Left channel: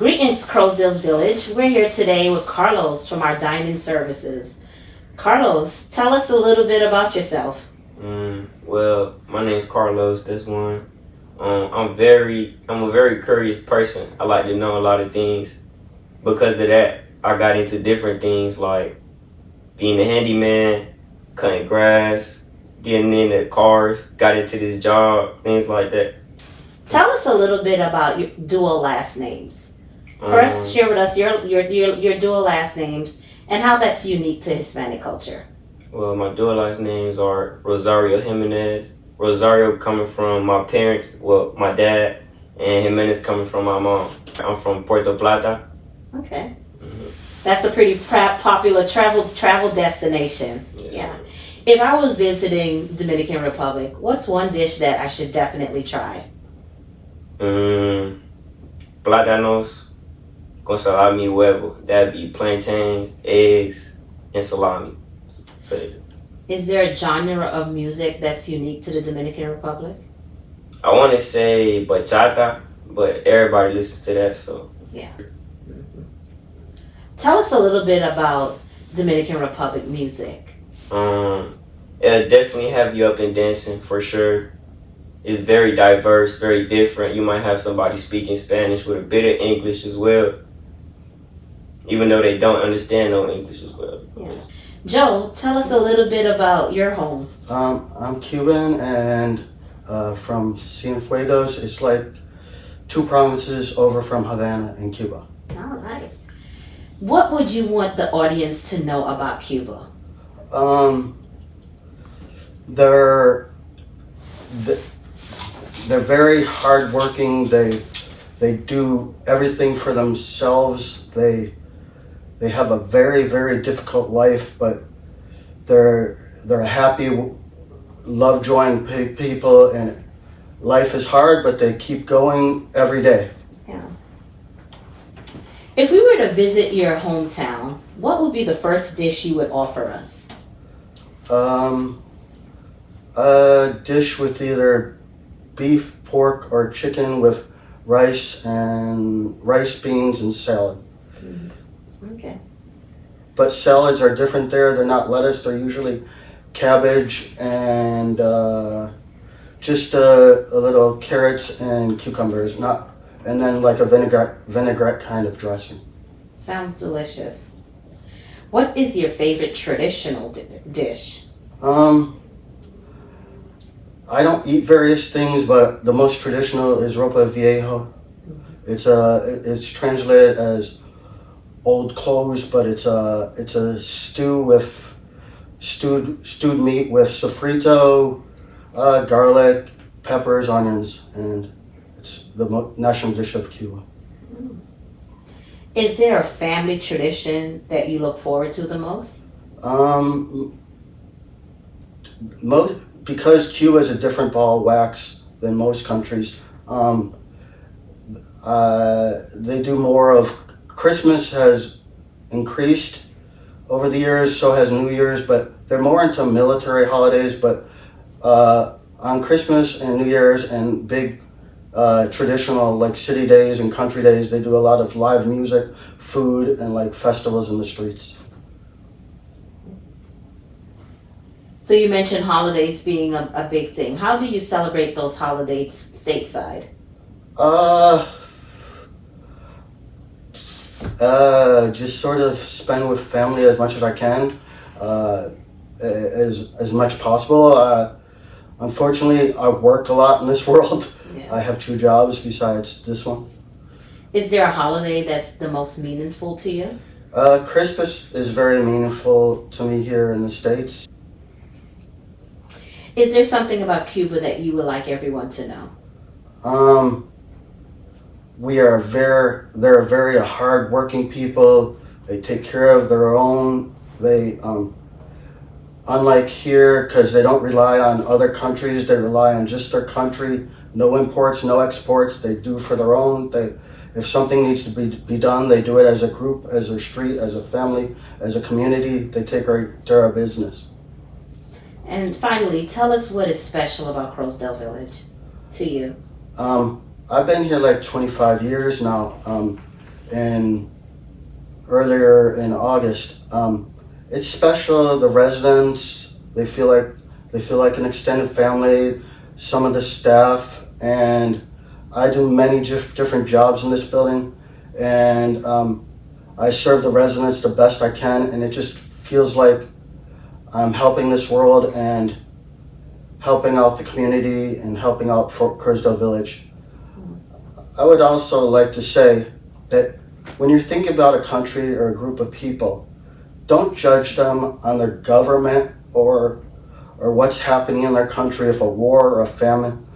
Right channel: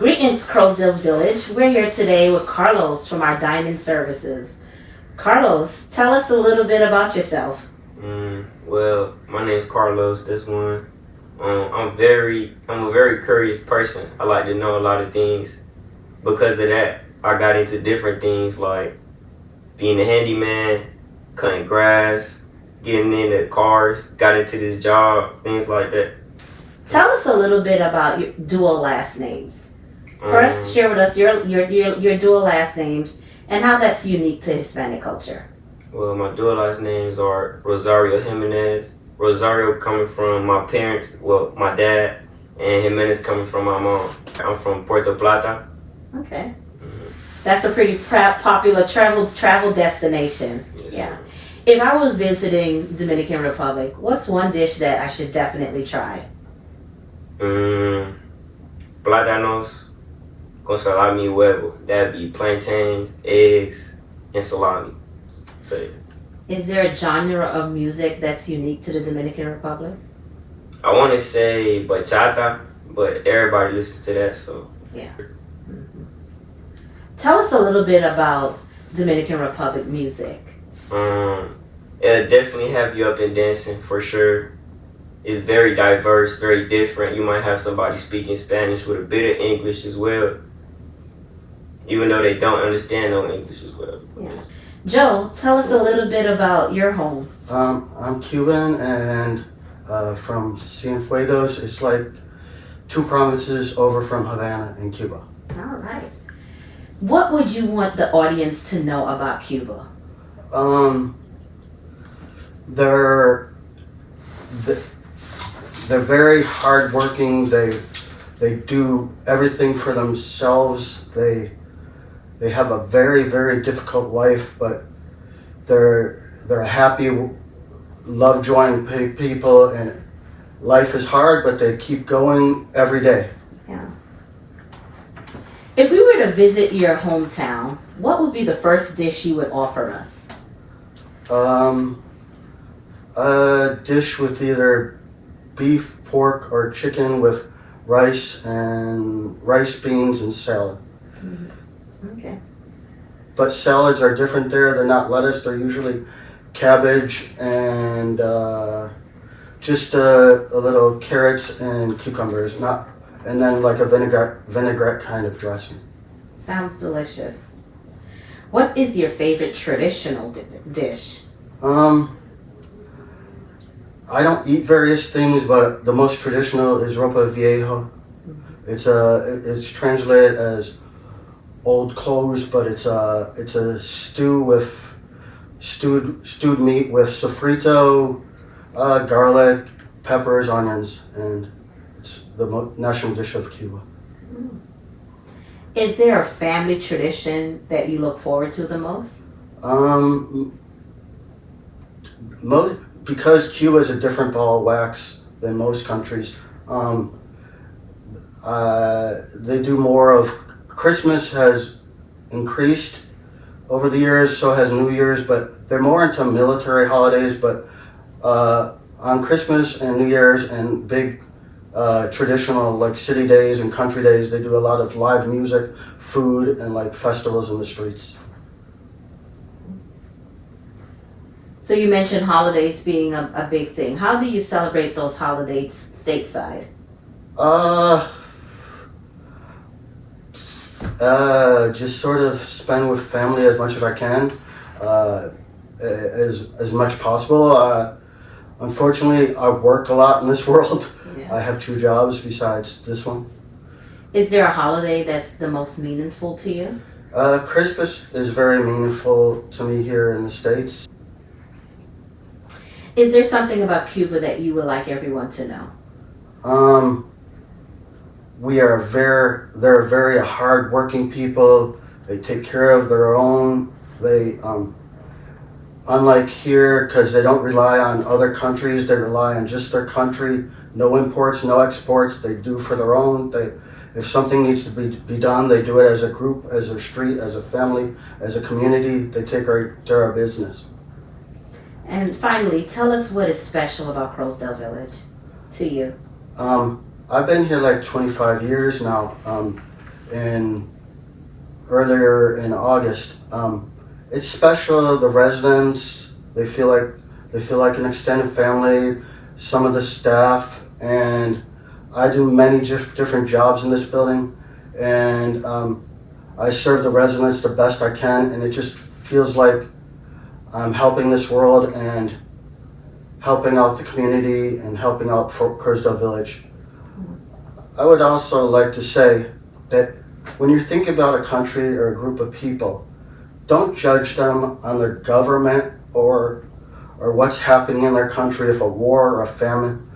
Greetings, Crowsdale's Village. We're here today with Carlos from our dining services. Carlos, tell us a little bit about yourself. Well, my name's Carlos. This one. I'm a very curious person. I like to know a lot of things. Because of that, I got into different things like being a handyman, cutting grass, getting into cars, got into this job, things like that. Tell us a little bit about your dual last names. First, share with us your dual last names and how that's unique to Hispanic culture. Well, my dual last names are Rosario Jimenez. Rosario coming from my parents, well, my dad, and Jimenez coming from my mom. I'm from Puerto Plata. Okay. That's a pretty popular travel destination. Yes, Yeah. sir. If I was visiting Dominican Republic, what's one dish that I should definitely try? Plátanos con salami y huevo. That'd be plantains, eggs, and salami. So, Is there a genre of music that's unique to the Dominican Republic? I want to say bachata, but everybody listens to that, so. Tell us a little bit about Dominican Republic music. It'll definitely have you up and dancing for sure. It's very diverse, very different. You might have somebody speaking Spanish with a bit of English as well, even though they don't understand no English as well. Yeah. Joe, tell us a little bit about your home. I'm Cuban and from Cienfuegos. It's like 2 provinces over from Havana in Cuba. All right. What would you want the audience to know about Cuba? They're very hardworking. They do everything for themselves. They have a very, very difficult life, but they're happy, love joying people, and life is hard, but they keep going every day. Yeah. If we were to visit your hometown, what would be the first dish you would offer us? A dish with either beef, pork, or chicken with rice, beans, and salad. Okay. But salads are different there. They're not lettuce. They're usually cabbage and just a little carrots and cucumbers. And then like a vinaigrette kind of dressing. Sounds delicious. What is your favorite traditional dish? I don't eat various things, but the most traditional is ropa viejo. It's translated as old clothes, but it's a stew with stewed meat with sofrito, garlic, peppers, onions, and it's the national dish of Cuba. Is there a family tradition that you look forward to the most? Because Cuba is a different ball of wax than most countries, they do more of Christmas has increased over the years, so has New Year's, but they're more into military holidays. But on Christmas and New Year's and big traditional like city days and country days, they do a lot of live music, food, and like festivals in the streets. So you mentioned holidays being a big thing. How do you celebrate those holidays stateside? Just sort of spend with family as much as I can, as much possible. Unfortunately, I work a lot in this world. Yeah. I have 2 jobs besides this one. Is there a holiday that's the most meaningful to you? Christmas is very meaningful to me here in the States. Is there something about Cuba that you would like everyone to know? They're very hard-working people. They take care of their own. They, unlike here, because they don't rely on other countries, they rely on just their country. No imports, no exports. They do for their own. If something needs to be done, they do it as a group, as a street, as a family, as a community. They take care of business. And finally, tell us what is special about Crowsdale Village to you. I've been here like 25 years now. in earlier in August. It's special. The residents, they feel like an extended family. Some of the staff, and I do many different jobs in this building, and I serve the residents the best I can, and it just feels like I'm helping this world and helping out the community and helping out Fort Kerrsdale Village. I would also like to say that when you're thinking about a country or a group of people, don't judge them on their government or what's happening in their country, if a war or a famine.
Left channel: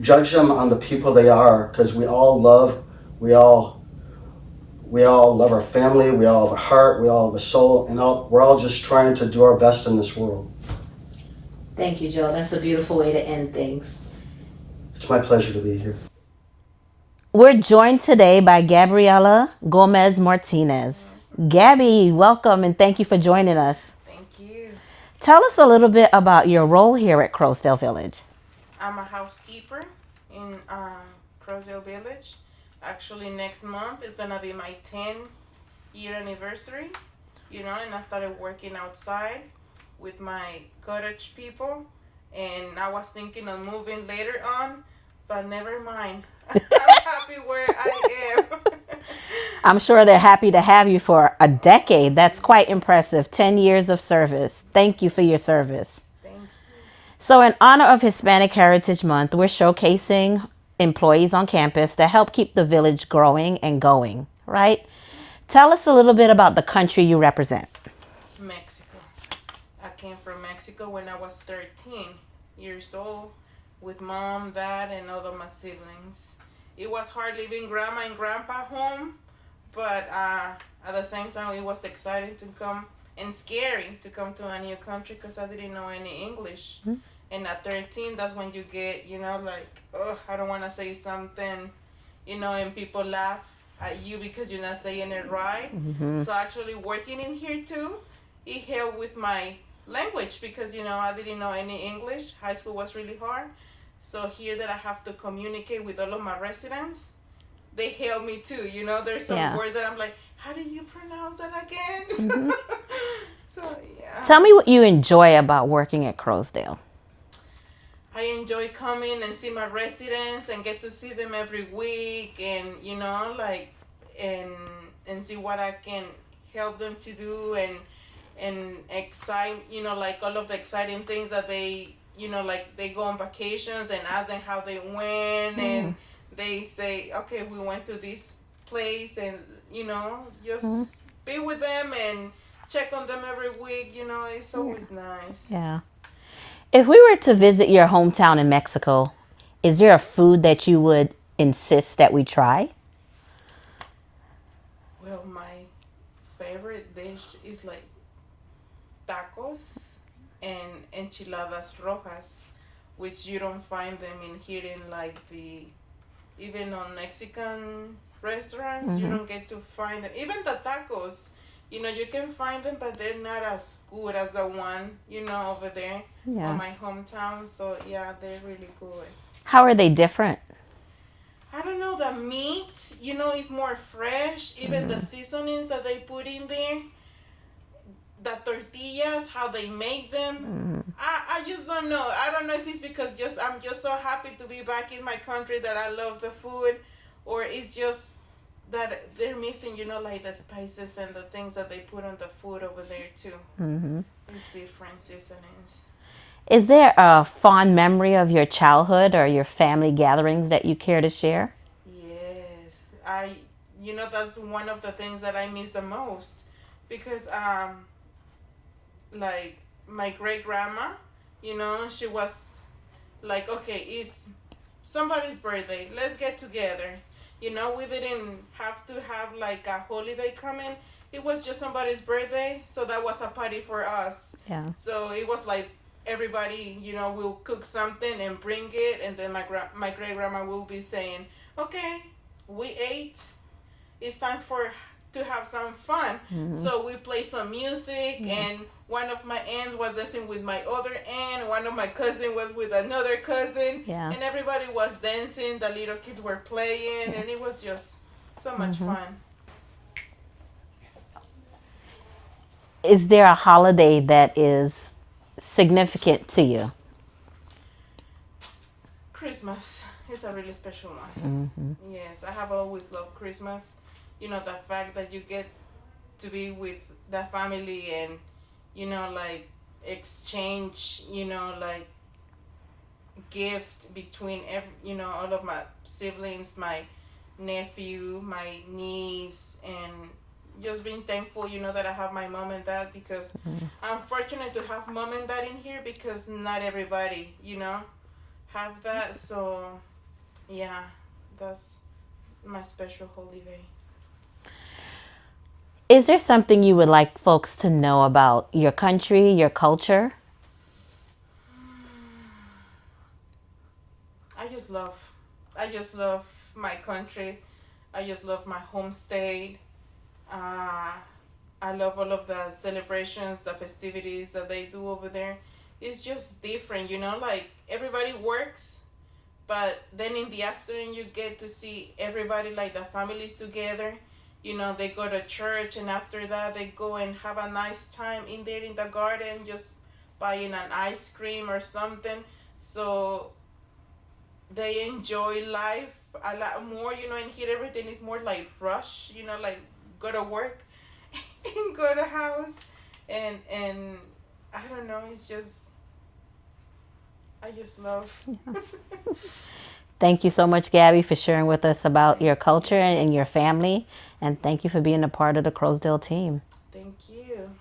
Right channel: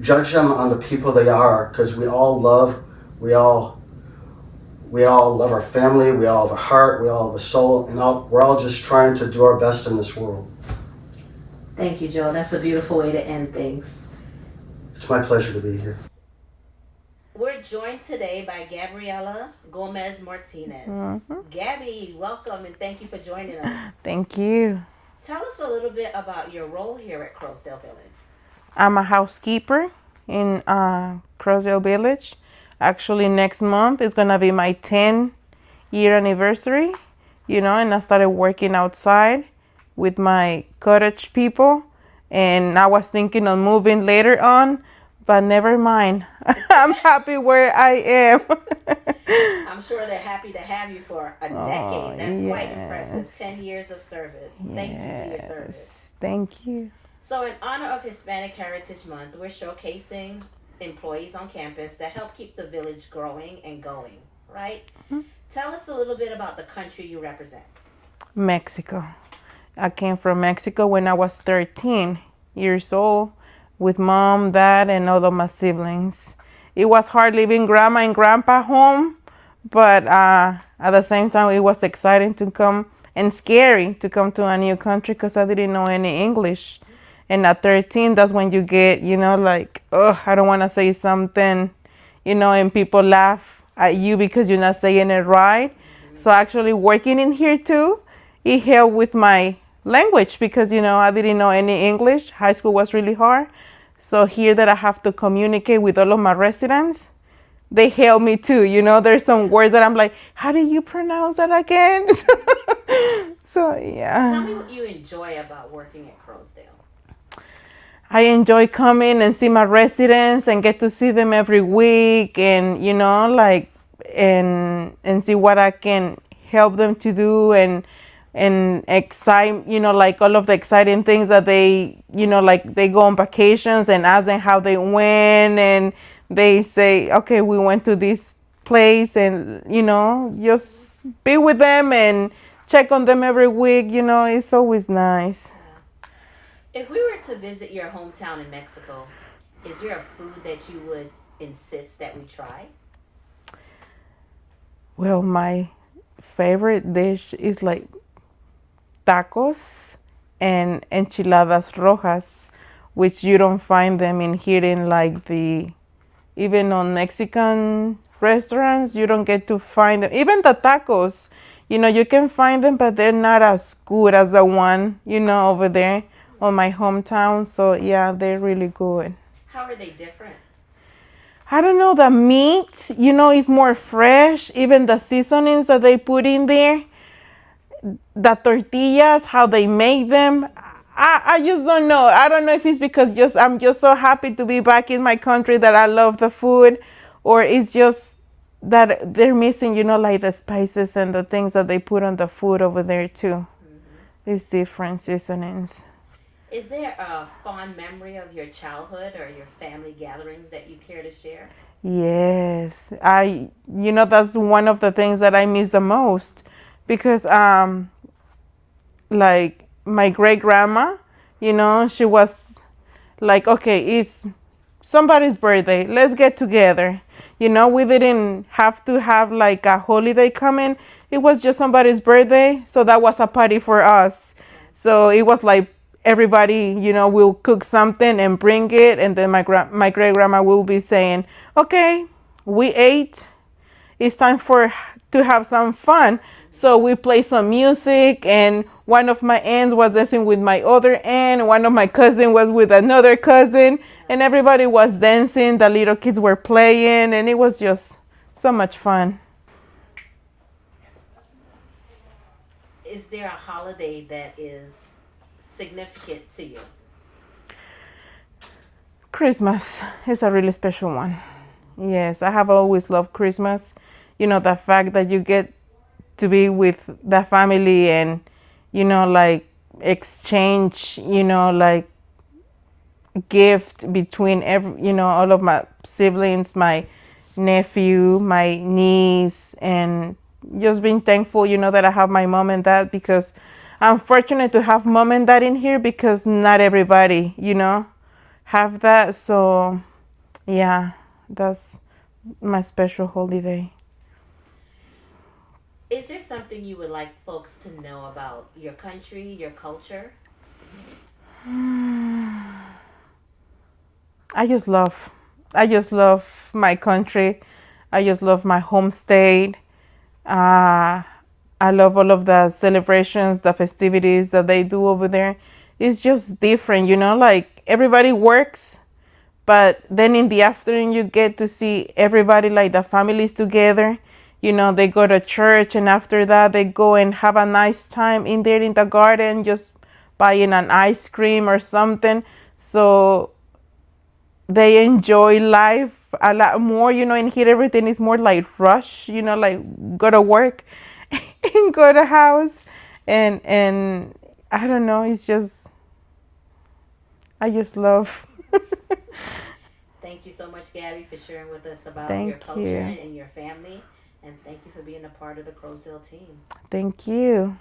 Judge them on the people they are, because we all love our family, we all have a heart, we all have a soul, and we're all just trying to do our best in this world. Thank you, Joe. That's a beautiful way to end things. It's my pleasure to be here. We're joined today by Gabriela Gomez Martinez. Gabby, welcome and thank you for joining us. Thank you. Tell us a little bit about your role here at Kerrsdale Village. I'm a housekeeper in Kerrsdale Village. Actually, next month is going to be my 10-year anniversary, and I started working outside with my cottage people, and I was thinking of moving later on, but never mind. I'm happy where I am. I'm sure they're happy to have you for a decade. That's quite yes. impressive. 10 years of service. Thank you for your service. Thank you. So in honor of Hispanic Heritage Month, we're showcasing employees on campus that help keep the village growing and going, right? Tell us a little bit about the country you represent. Mexico. I came from Mexico when I was 13 years old with mom, dad, and all of my siblings. It was hard leaving grandma and grandpa home, but at the same time, it was exciting to come and scary to come to a new country because I didn't know any English. And at 13, that's when you get, like, oh, I don't want to say something, and people laugh at you because you're not saying it right. So actually working in here too, it helped with my language because, I didn't know any English. High school was really hard. So here that I have to communicate with all of my residents, they help me too. There's some words that I'm like, how do you pronounce that again? So, yeah. Tell me what you enjoy about working at Kerrsdale. I enjoy coming and see my residents and get to see them every week and, and see what I can help them to do and excite, like all of the exciting things that they, like they go on vacations and ask them how they went and they say, okay, we went to this place and, just be with them and check on them every week, it's always nice. Yeah. If we were to visit your hometown in Mexico, is there a food that you would insist that we try? Well, my favorite dish is like tacos and enchiladas rojas, which you don't find them in here in like even on Mexican restaurants, you don't get to find them. Even the tacos, you can find them, but they're not as good as the one, over there on my hometown. So yeah, they're really good. How are they different? I don't know, the meat, is more fresh. Even the seasonings that they put in there, the tortillas, how they make them. I just don't know. I don't know if it's because I'm just so happy to be back in my country that I love the food, or it's just that they're missing, like the spices and the things that they put on the food over there too. It's different seasonings. Is there a fond memory of your childhood or your family gatherings that you care to share? Yes, that's one of the things that I miss the most because, like my great grandma, she was like, okay, it's somebody's birthday, let's get together. We didn't have to have like a holiday coming. It was just somebody's birthday, so that was a party for us. Yeah. So it was like everybody, will cook something and bring it, and then my great grandma will be saying, okay, we ate, it's time to have some fun. So we play some music, and one of my aunts was dancing with my other aunt, one of my cousins was with another cousin, and everybody was dancing, the little kids were playing, and it was just so much fun. is there a holiday that is significant to you? Christmas is a really special one. Yes, I have always loved Christmas. You know, the fact that you get to be with the family and, you know, like exchange, you know, like gift between all of my siblings, my nephew, my niece, and just being thankful, you know, that I have my mom and dad, because I'm fortunate to have mom and dad in here, because not everybody, you know, have that. So yeah, that's my special holiday. Is there something you would like folks to know about your country, your culture? I just love, I just love my country. I just love my home state. I love all of the celebrations, the festivities that they do over there. It's just different, you know, like everybody works, but then in the afternoon you get to see everybody, like the families together. You know, they go to church, and after that they go and have a nice time in there in the garden, just buying an ice cream or something. So they enjoy life a lot more, you know. And here everything is more like rush, you know, like go to work and go to house, and I don't know, it's just, I just love. Thank you so much, Gabby, for sharing with us about your Thank culture you. and your family. And thank you for being a part of the Crowsdale team. Thank you.